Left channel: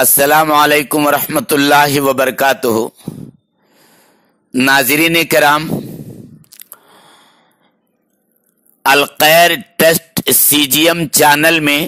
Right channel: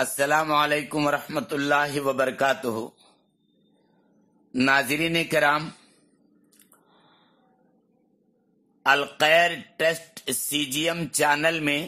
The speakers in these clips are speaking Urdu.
السلام علیکم ورحمۃ اللہ وبرکاتہ۔ ناظرین کرام، الخیر ٹیسٹ سی جی ایم چینل میں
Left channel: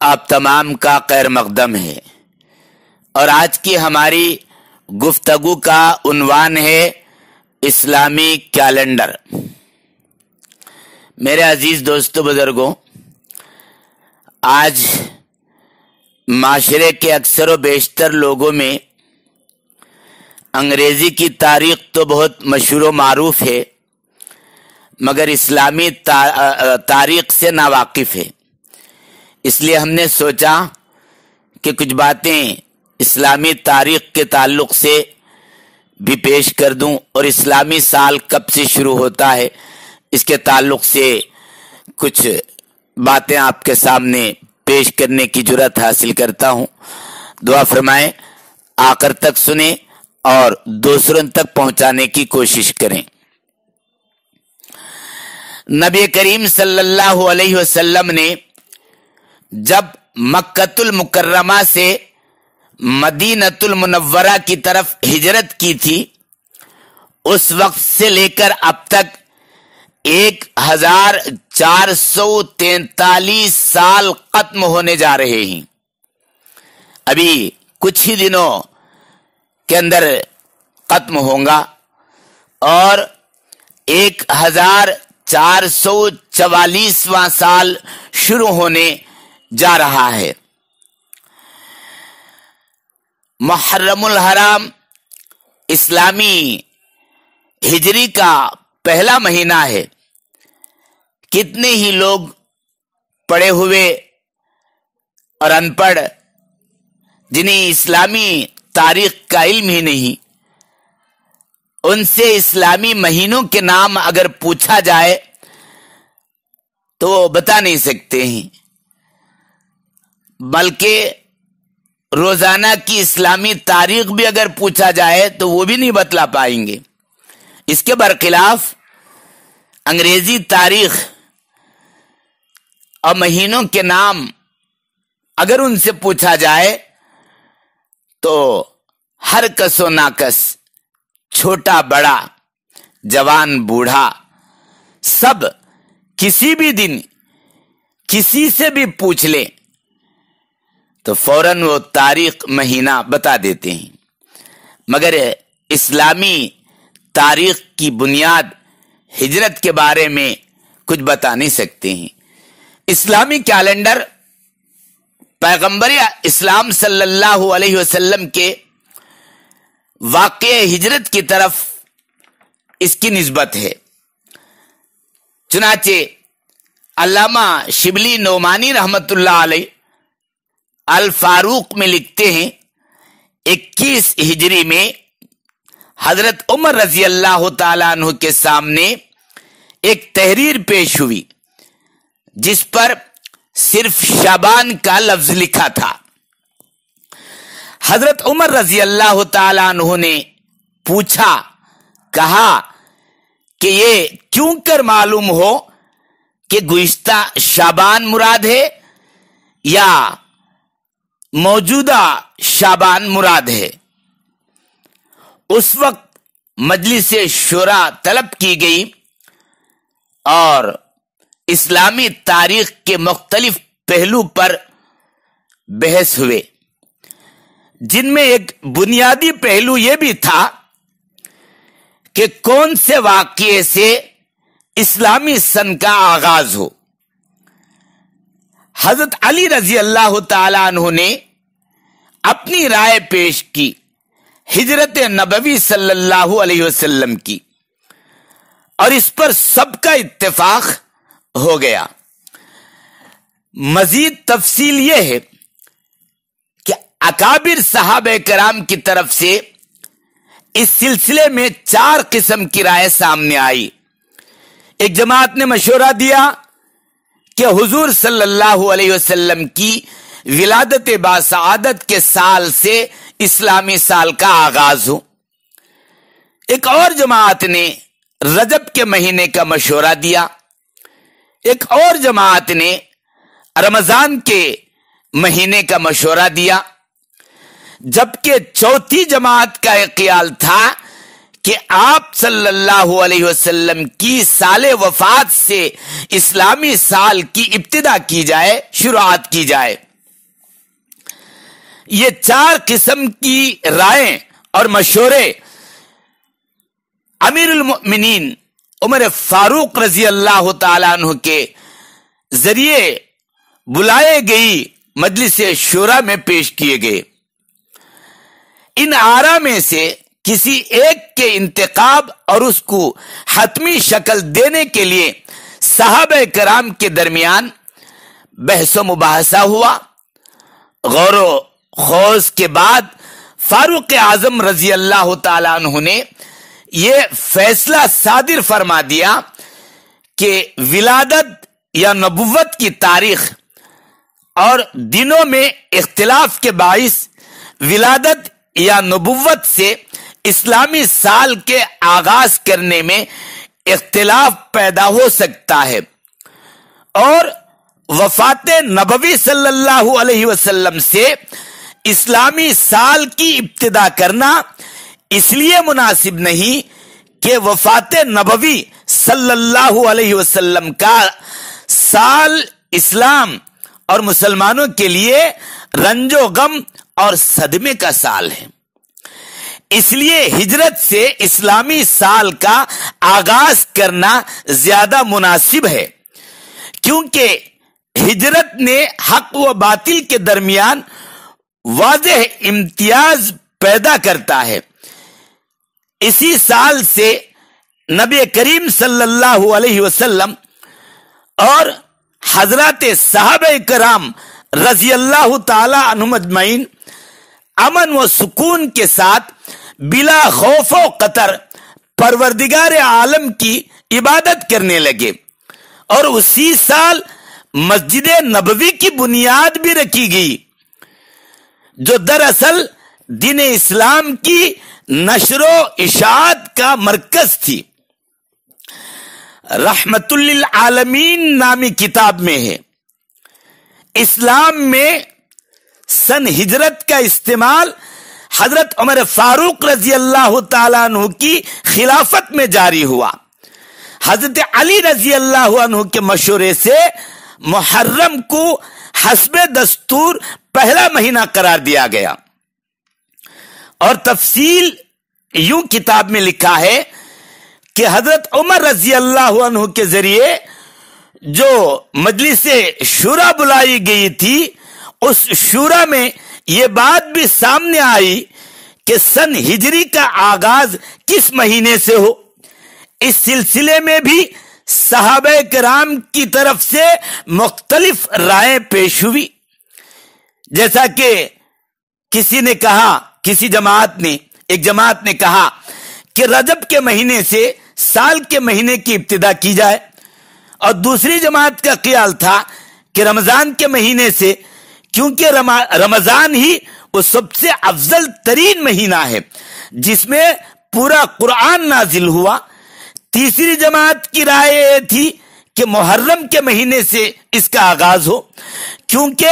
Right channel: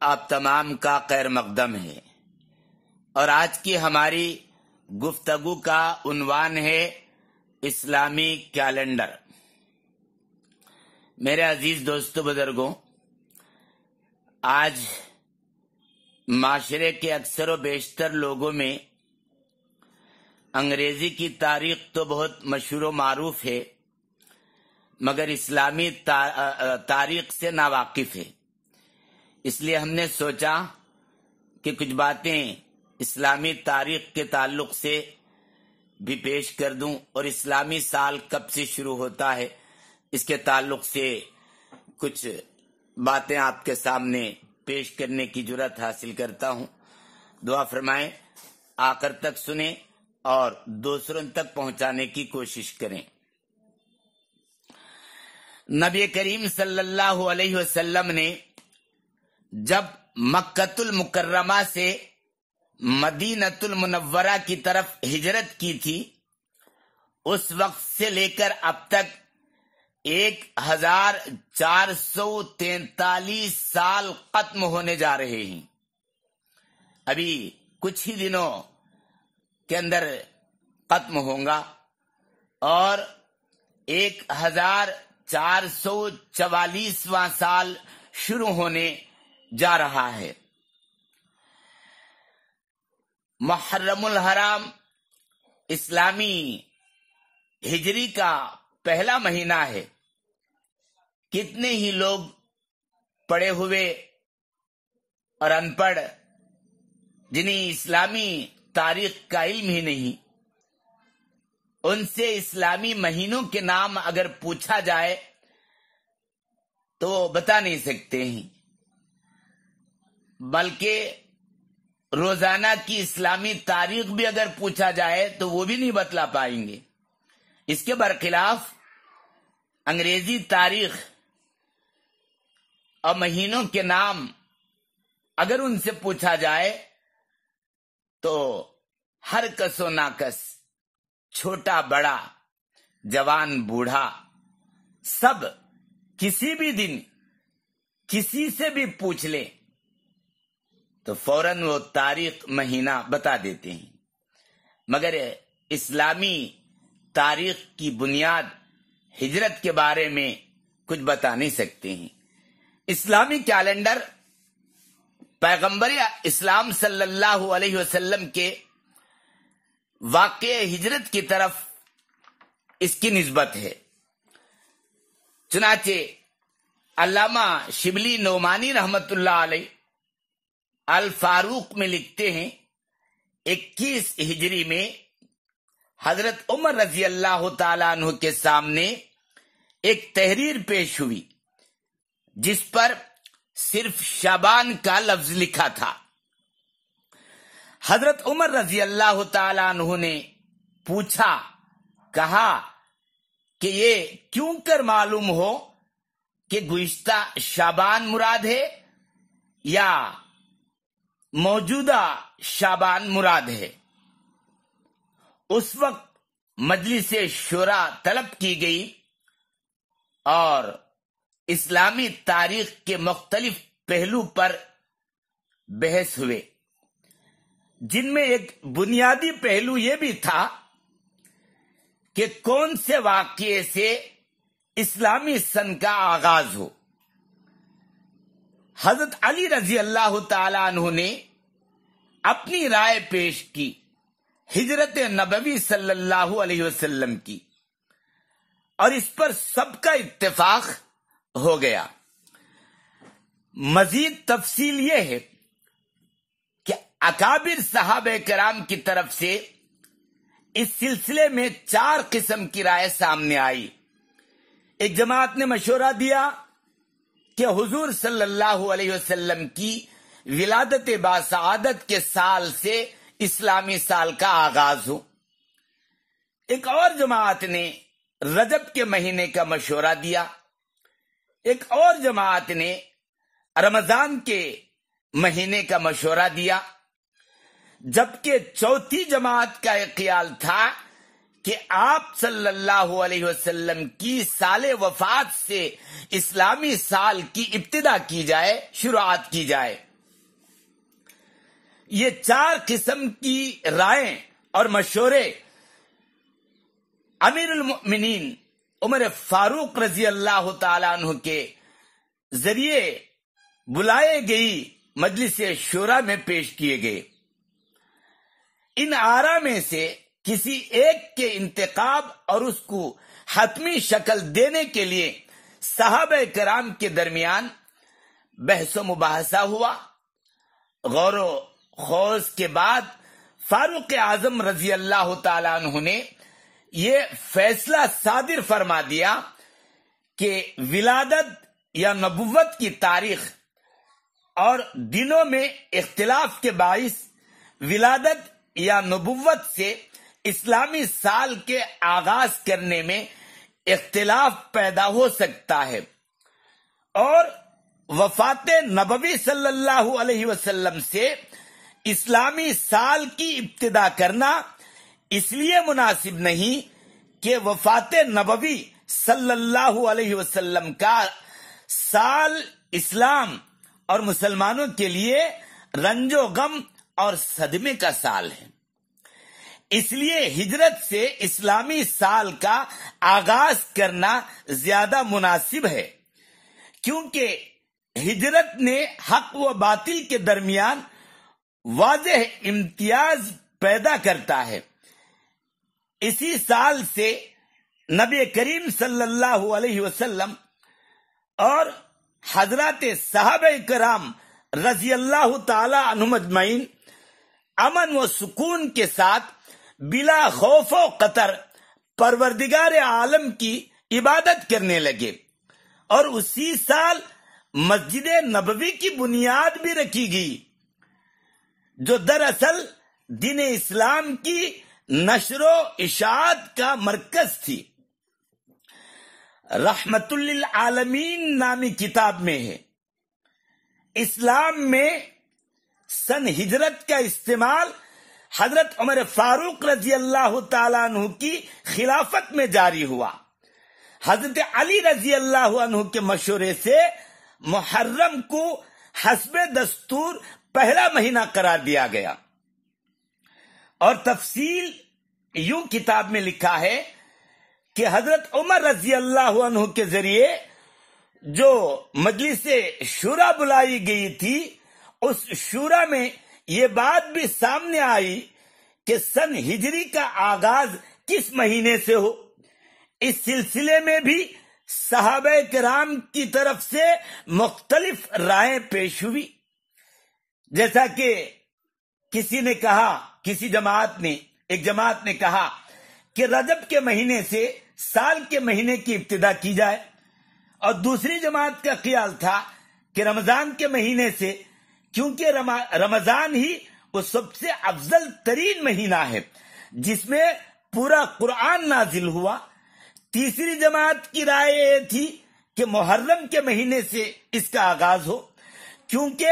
آپ تمام کا خیر مقدم ہے، اور آج کی ہماری گفتگو کا عنوان ہے اسلامی کیلنڈر۔ میرے عزیز دوستو بزرگوں، آج معاشرے کے اکثر و بیشتر لوگوں میں انگریزی کی تاریخ تو بہت مشہور و معروف ہے، مگر اسلامی تاریخ سے ناواقف ہے۔ اس لیے ہم نے سوچا کہ کچھ باتیں اسلامی تاریخ کے تعلق سے بھی پیش کر دوں، اور اسلامی سال کب سے شروع ہوتا ہے اس کے تعلق سے کچھ باتیں آپ کے سامنے پیش کرنے کی جرات حاصل کرتا ہوں۔ دعا فرمائیں، آخر تک سنیں اور دوسروں تک پہنچانے کی کوشش کریں۔ نبی کریم صلی اللہ علیہ وسلم نے جب مکۃ المکرمہ سے مدینۃ المنورہ کی طرف ہجرت کی تھی، اس وقت سے لے کر اب تک 1443 سال ختم ہونے جا رہے ہیں۔ ابھی کچھ ہی دنوں کے اندر ختم ہوں گا، اور 1444واں سال شروع ہونے جا رہا ہے۔ محرم الحرام اسلامی ہجری کا پہلا مہینہ ہے۔ کتنے ہی لوگ پڑھے ہوئے اور ان پڑھ، جنہیں اسلامی تاریخ کا علم ہی نہیں، ان سے اسلامی مہینوں کے نام اگر پوچھا جائے تو وہ بتا نہیں سکتے ہیں، بلکہ روزانہ کی اسلامی تاریخ بھی اگر پوچھا جائے تو وہ بھی نہیں بتلا پائیں گے۔ اس کے برخلاف انگریزی تاریخ اور مہینوں کے نام اگر ان سے پوچھا جائے تو ہر کس و ناکس، چھوٹا بڑا، جوان بوڑھا، سب کسی بھی دن کسی سے بھی پوچھ لیں تو فوراً وہ تاریخ مہینہ بتا دیتے ہیں، مگر اسلامی تاریخ کی بنیاد ہجرت کے بارے میں کچھ بتا نہیں سکتے ہیں۔ اسلامی کیلنڈر پیغمبر اسلام صلی اللہ علیہ وسلم کے واقع ہجرت کی طرف اس کی نسبت ہے۔ چنانچہ علامہ شبلی نعمانی رحمت اللہ علیہ الفاروق میں لکھتے ہیں، 21 ہجری میں حضرت عمر رضی اللہ تعالیٰ عنہ کے سامنے ایک تحریر پیش ہوئی جس پر صرف شعبان کا لفظ لکھا تھا۔ حضرت عمر رضی اللہ تعالیٰ عنہ نے پوچھا، کہا کہ یہ کیوں کر معلوم ہو کہ گزشتہ شعبان مراد ہے یا موجودہ شعبان مراد ہے؟ اس وقت مجلس شورا طلب کی گئی اور اسلامی تاریخ کے مختلف پہلو پر بحث ہوئے، جن میں ایک بنیادی پہلو یہ بھی تھا کہ کون سے واقعے سے اسلامی سن کا آغاز ہو۔ حضرت علی رضی اللہ تعالیٰ عنہ نے اپنی رائے پیش کی، ہجرت نبوی صلی اللہ علیہ وسلم کی، اور اس پر سب کا اتفاق ہو گیا۔ مزید تفصیل یہ ہے کہ اکابر صحابہ کرام کی طرف سے اس سلسلے میں 4 قسم کی رائے سامنے آئی۔ ایک جماعت نے مشورہ دیا کہ حضور صلی اللہ علیہ وسلم کی ولادت باسعادت کے سال سے اسلامی سال کا آغاز ہو۔ ایک اور جماعت نے رجب کے مہینے کا مشورہ دیا۔ ایک اور جماعت نے رمضان کے مہینے کا مشورہ دیا۔ جبکہ چوتھی جماعت کا یہ خیال تھا کہ آپ صلی اللہ علیہ وسلم کی سال وفات سے اسلامی سال کی ابتدا کی جائے، شروعات کی جائے۔ یہ چار قسم کی رائے اور مشورے امیر المؤمنین عمر فاروق رضی اللہ تعالیٰ عنہ کے ذریعے بلائے گئی مجلس شورا میں پیش کیے گئے۔ ان آراء میں سے کسی ایک کے انتخاب اور اس کو حتمی شکل دینے کے لیے صحابہ کرام کے درمیان بحث و مباحثہ ہوا۔ غور و خوض کے بعد فاروق اعظم رضی اللہ تعالیٰ عنہ نے یہ فیصلہ صادر فرما دیا کہ ولادت یا نبوت کی تاریخ اور دنوں میں اختلاف کے باعث ولادت یا نبوت سے اسلامی سال کے آغاز کرنے میں اختلاف پیدا ہو سکتا ہے، اور وفات نبوی صلی اللہ علیہ وسلم سے اسلامی سال کی ابتدا کرنا اس لیے مناسب نہیں کہ وفات نبوی صلی اللہ علیہ وسلم کا سال اسلام اور مسلمانوں کے لیے رنج و غم اور صدمے کا سال ہے۔ اس لیے ہجرت سے اسلامی سال کا آغاز کرنا زیادہ مناسب ہے، کیونکہ ہجرت نے حق و باطل کے درمیان واضح امتیاز پیدا کرتا ہے۔ اسی سال سے نبی کریم صلی اللہ علیہ وسلم اور حضرات صحابہ کرام رضی اللہ تعالی عنہم اجمعین امن و سکون کے ساتھ بلا خوف و قطر پروردگار عالم کی عبادت کرنے لگے، اور اسی سال مسجد نبوی کی بنیاد بھی رکھی گئی، جو دراصل دین اسلام کی نشر و اشاعت کا مرکز تھی۔ رحمت للعالمین نامی کتاب میں ہے، اسلام میں سن ہجرت کا استعمال حضرت عمر فاروق رضی اللہ تعالیٰ عنہ کی خلافت میں جاری ہوا۔ حضرت علی رضی اللہ عنہ کے مشورے سے محرم کو حسب دستور پہلا مہینہ قرار دیا گیا، اور تفصیل یوں کتاب میں لکھا ہے کہ حضرت عمر رضی اللہ عنہ کے ذریعے جو مجلس شورا بلائی گئی تھی، اس شورا میں یہ بات بھی سامنے آئی کہ سن ہجری کا آغاز کس مہینے سے ہو۔ اس سلسلے میں بھی صحابہ کرام کی طرف سے مختلف رائے پیش ہوئی، جیسا کہ کسی نے کہا، ایک جماعت نے کہا کہ رجب کے مہینے سے سال کے مہینے کی ابتدا کی جائے، اور دوسری جماعت کا خیال تھا کہ رمضان کے مہینے سے، کیونکہ رمضان ہی وہ سب سے افضل ترین مہینہ ہے جس میں پورا قرآن نازل ہوا۔ تیسری جماعت کی رائے یہ تھی کہ محرم کے مہینے سے اس کا آغاز ہو، کیونکہ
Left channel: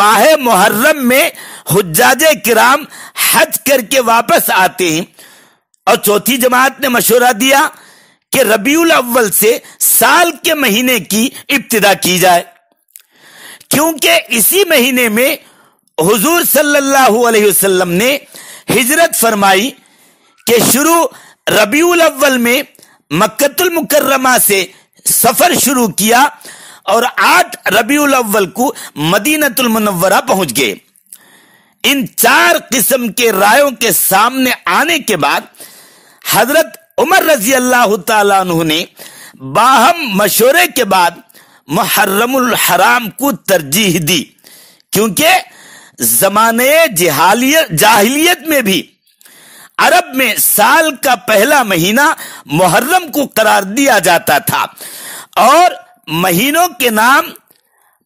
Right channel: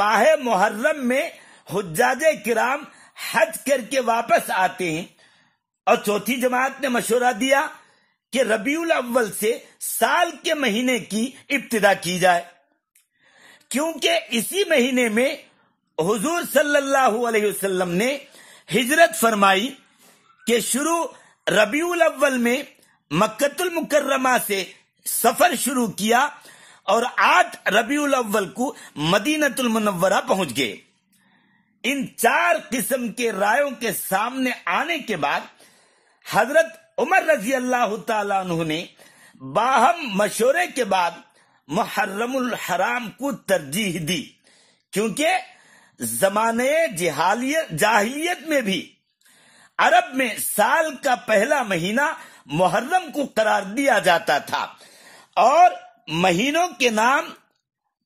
ماہ محرم میں حجاج کرام حج کر کے واپس آتے ہیں۔ اور چوتھی جماعت نے مشورہ دیا کہ ربیع الاول سے سال کے مہینے کی ابتدا کی جائے، کیونکہ اسی مہینے میں حضور صلی اللہ علیہ وسلم نے ہجرت فرمائی کہ شروع ربیع الاول میں مکۃ المکرمہ سے سفر شروع کیا، اور 8 ربیع الاول کو مدینہ المنورہ پہنچ گئے۔ ان 4 قسم کے رائوں کے سامنے آنے کے بعد حضرت عمر رضی اللہ تعالیٰ عنہ نے باہم مشورے کے بعد محرم الحرام کو ترجیح دی، کیونکہ زمانے جاہلیت میں بھی عرب میں سال کا پہلا مہینہ محرم کو قرار دیا جاتا تھا، اور مہینوں کے نام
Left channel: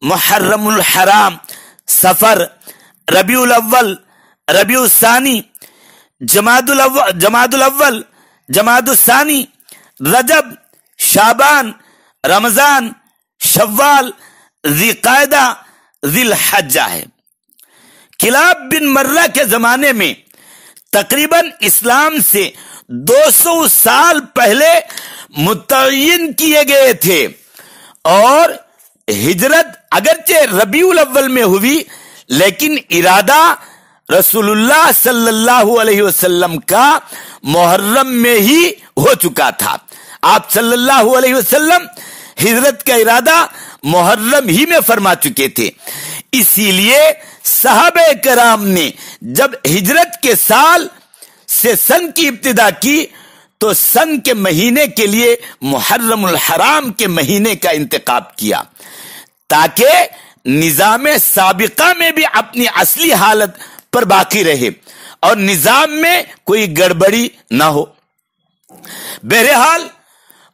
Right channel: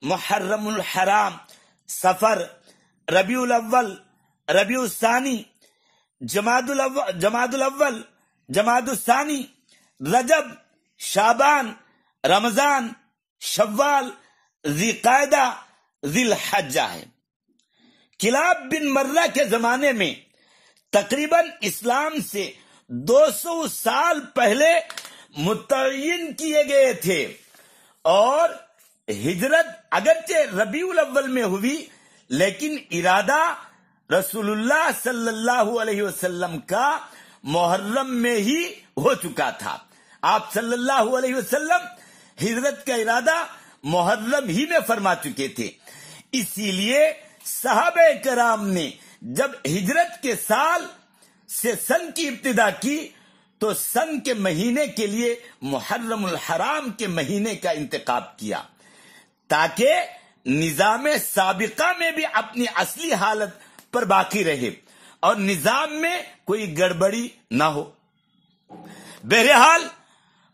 محرم الحرام، صفر، ربیع الاول، ربیع الثانی، جمادی الاول، جمادی الثانی، رجب، شعبان، رمضان، شوال، ذی قعدہ، ذی الحجہ ہے۔ کلاب بن مرہ کے زمانے میں تقریباً اسلام سے 200 سال پہلے متعین کیے گئے تھے، اور ہجرت اگرچہ ربیع الاول میں ہوئی لیکن ارادہ رسول اللہ صلی اللہ علیہ وسلم کا محرم میں ہی ہو چکا تھا۔ آپ صلی اللہ علیہ وسلم ہجرت کا ارادہ محرم ہی میں فرما چکے تھے، اسی لیے صحابہ کرام نے جب ہجرت کے سال سے سن کی ابتدا کی تو سن کے مہینے کے لیے محرم الحرام کے مہینے کا انتخاب کیا تاکہ نظام سابقہ میں بھی اپنی اصلی حالت پر باقی رہے اور نظام میں کوئی گڑبڑی نہ ہو۔ بہرحال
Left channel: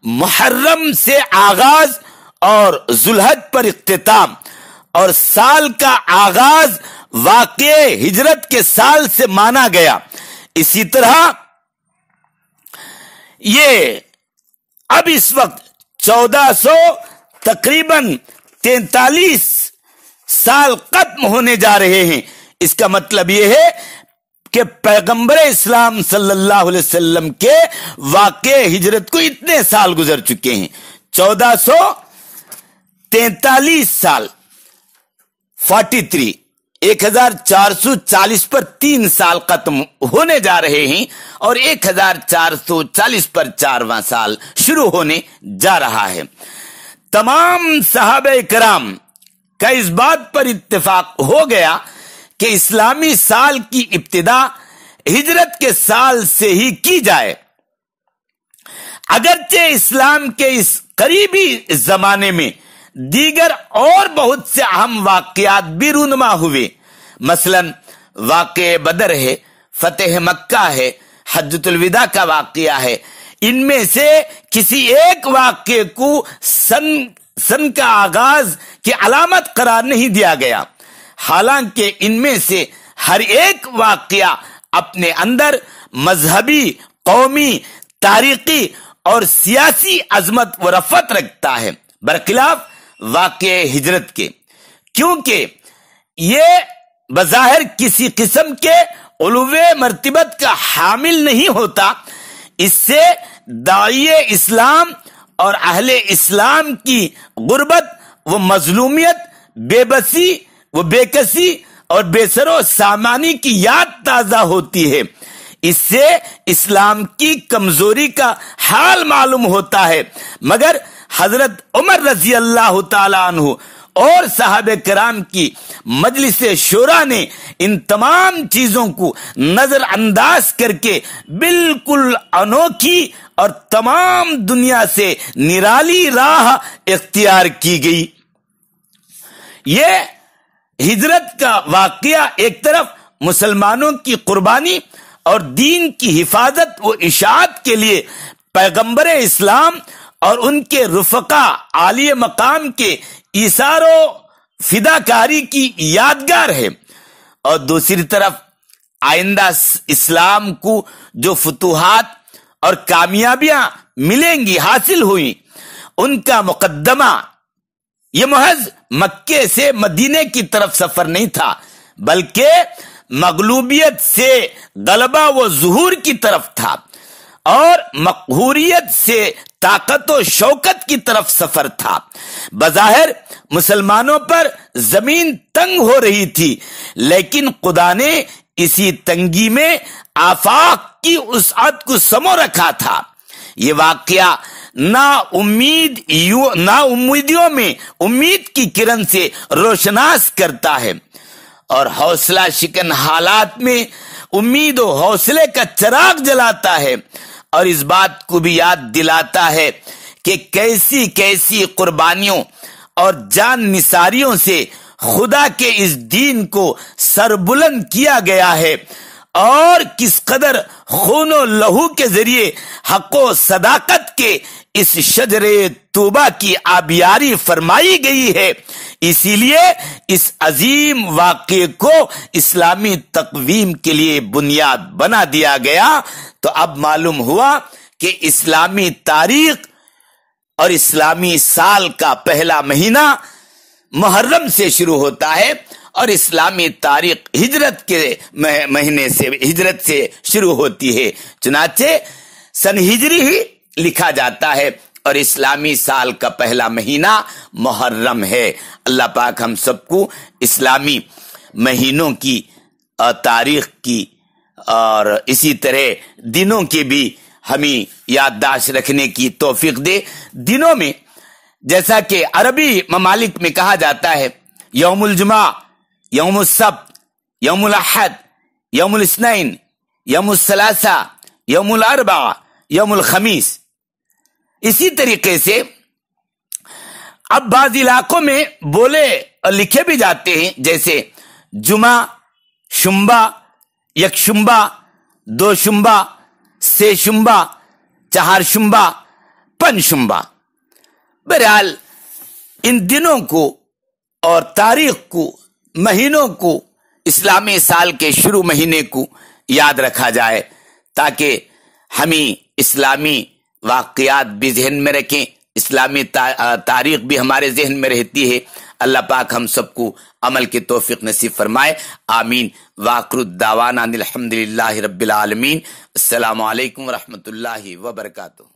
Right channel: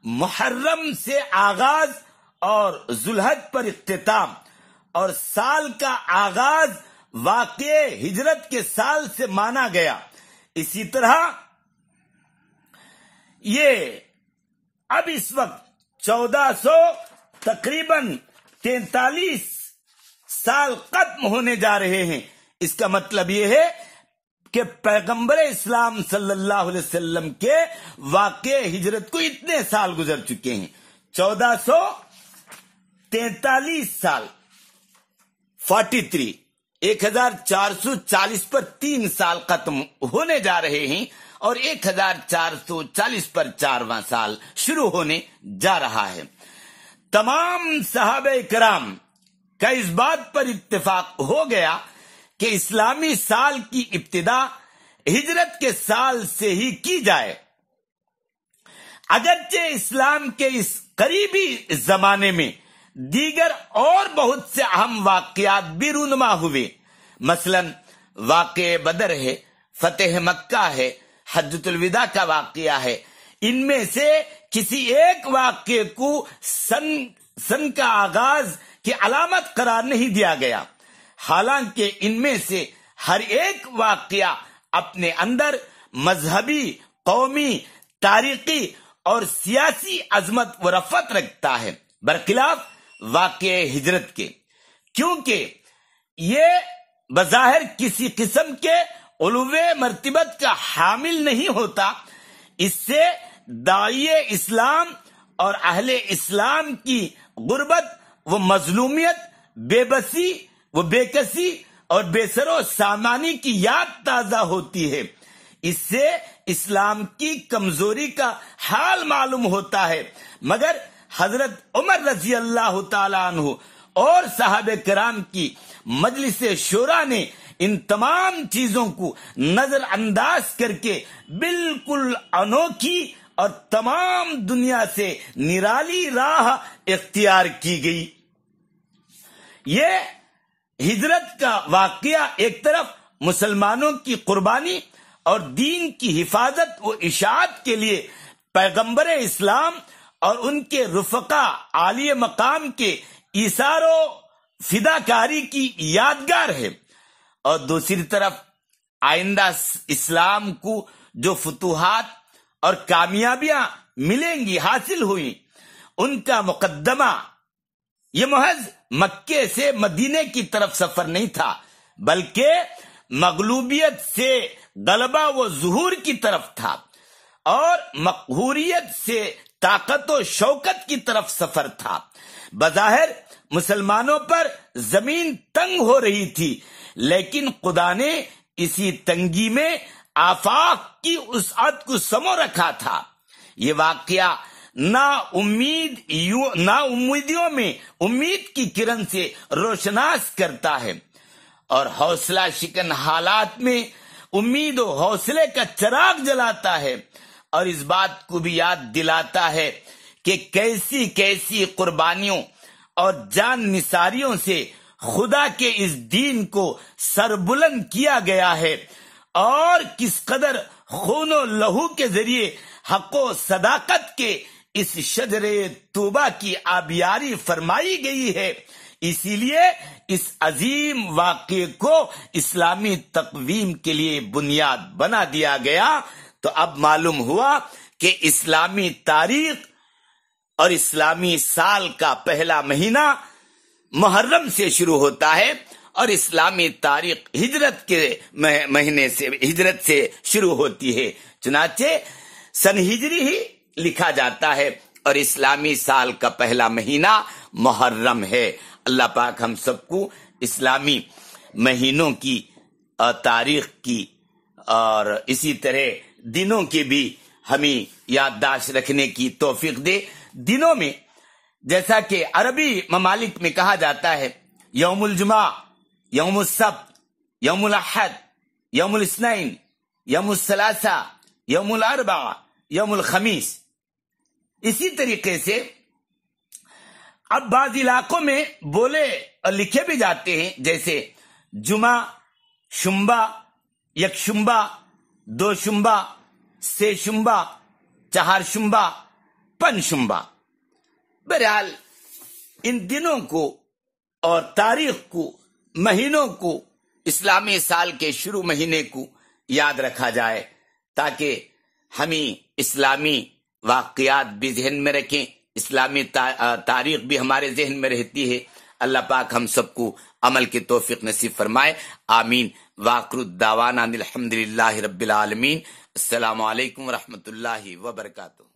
محرم سے آغاز اور ذوالحج پر اختتام اور سال کا آغاز واقع ہجرت کے سال سے مانا گیا۔ اسی طرح یہ اب اس وقت 1400 تقریباً 43 سال ختم ہونے جا رہے ہیں۔ اس کا مطلب یہ ہے کہ پیغمبر اسلام صلی اللہ علیہ وسلم کے واقع ہجرت کو اتنے سال گزر چکے ہیں، 1443 سال 43 1440 پر 3 سال ختم ہونے جا رہے ہیں اور 1440 پر 4واں سال شروع ہونے جا رہا ہے۔ تمام صحابہ کرام کا اس بات پر اتفاق ہو گیا کہ اسلامی سال کی ابتدا ہجرت کے سال سے ہی کی جائے۔ اگرچہ اسلام کے اس قریبی زمانے میں دیگر اور بہت سے اہم واقعات بھی رونما ہوئے، مثلا واقع بدر ہے، فتح مکہ ہے، حجۃ الوداع کا واقعہ ہے۔ ان میں سے کسی ایک واقعے کو سن کا آغاز کی علامت قرار نہیں دیا گیا، حالانکہ ان میں سے ہر ایک واقعہ اپنے اندر مذہبی، قومی، تاریخی اور سیاسی عظمت و رفعت رکھتا ہے، برخلاف واقع ہجرت کے، کیونکہ یہ بظاہر کسی قسم کے علو مرتبت کا حامل نہیں ہوتا۔ اس سے داعی اسلام اور اہل اسلام کی غربت و مظلومیت، بے بسی و بے کسی اور بے سر و سامانی کی یاد تازہ ہوتی ہے۔ اس سے اسلام کی کمزوری کا حال معلوم ہوتا ہے، مگر حضرت عمر رضی اللہ تعالی عنہ اور صحابہ کرام کی مجلس شورا نے ان تمام چیزوں کو نظر انداز کر کے بالکل انوکھی اور تمام دنیا سے نرالی راہ اختیار کی گئی۔ یہ ہجرت کا واقعہ ایک طرف مسلمانوں کی قربانی اور دین کی حفاظت و اشاعت کے لیے پیغمبر اسلام اور ان کے رفقا عالی مقام کے ایثار و فداکاری کی یادگار ہے، اور دوسری طرف آئندہ اسلام کو جو فتوحات اور کامیابیاں ملیں گی، حاصل ہوئی، ان کا مقدمہ یہ محض مکے سے مدینے کی طرف سفر نہیں تھا، بلکہ مغلوبیت سے غلبہ و ظہور کی طرف تھا، اور مقہوریت سے طاقت و شوکت کی طرف سفر تھا۔ بظاہر مسلمانوں پر زمین تنگ ہو رہی تھی، لیکن خدا نے اسی تنگی میں آفاق کی وسعت کو سمو رکھا تھا۔ یہ واقعہ نا امیدیوں میں امید کی کرن سے روشناس کرتا ہے، اور حوصلہ شکن حالات میں امید و حوصلے کا چراغ جلاتا ہے، اور اس بات کو بھی یاد دلاتا ہے کہ کیسی کیسی قربانیوں اور جان نثاریوں سے خدا کے اس دین کو سربلند کیا گیا ہے، اور کس قدر خون و لہو کے ذریعے حق و صداقت کے اس شجر توبہ کی آبیاری فرمائی گئی ہے۔ اسی لیے اس عظیم واقعے کو اسلامی تقویم کے لیے بنیاد بنا دیا گیا۔ تو اب معلوم ہوا کہ اسلامی تاریخ اور اسلامی سال کا پہلا مہینہ محرم سے شروع ہوتا ہے، اور اسلامی تاریخ ہجرت کے مہینے سے، ہجرت سے شروع ہوتی ہے، چنانچہ سن ہجری ہی لکھا جاتا ہے اور اسلامی سال کا پہلا مہینہ محرم ہے۔ اللہ پاک ہم سب کو اسلامی مہینوں کی اور تاریخ کی اور اسی طرح دنوں کی بھی ہمیں یادداشت رکھنے کی توفیق دے۔ دنوں میں جیسا کہ عربی ممالک میں کہا جاتا ہے یوم الجمعہ، یوم السبت، یوم الاحد، یوم الاثنین، یوم الثلاثاء، یوم الاربعاء، یوم الخمیس۔ اسی طریقے سے اب بعض علاقوں میں بولے اور لکھے بھی جاتے ہیں، جیسے جمعہ، شنبہ، یک شنبہ، دو شنبہ، سے شنبہ، چہار شنبہ، پن شنبہ۔ بہرحال ان دنوں کو اور تاریخ کو، مہینوں کو، اسلامی سال کے شروع مہینے کو یاد رکھا جائے تاکہ ہمیں اسلامی واقعات بھی ذہن میں رکھیں، اسلامی تاریخ بھی ہمارے ذہن میں رہتی ہے۔ اللہ پاک ہم سب کو عمل کی توفیق نصیب فرمائے، آمین۔ وآخر الدعوانا الحمدللہ رب العالمین۔ السلام علیکم ورحمۃ اللہ وبرکاتہ۔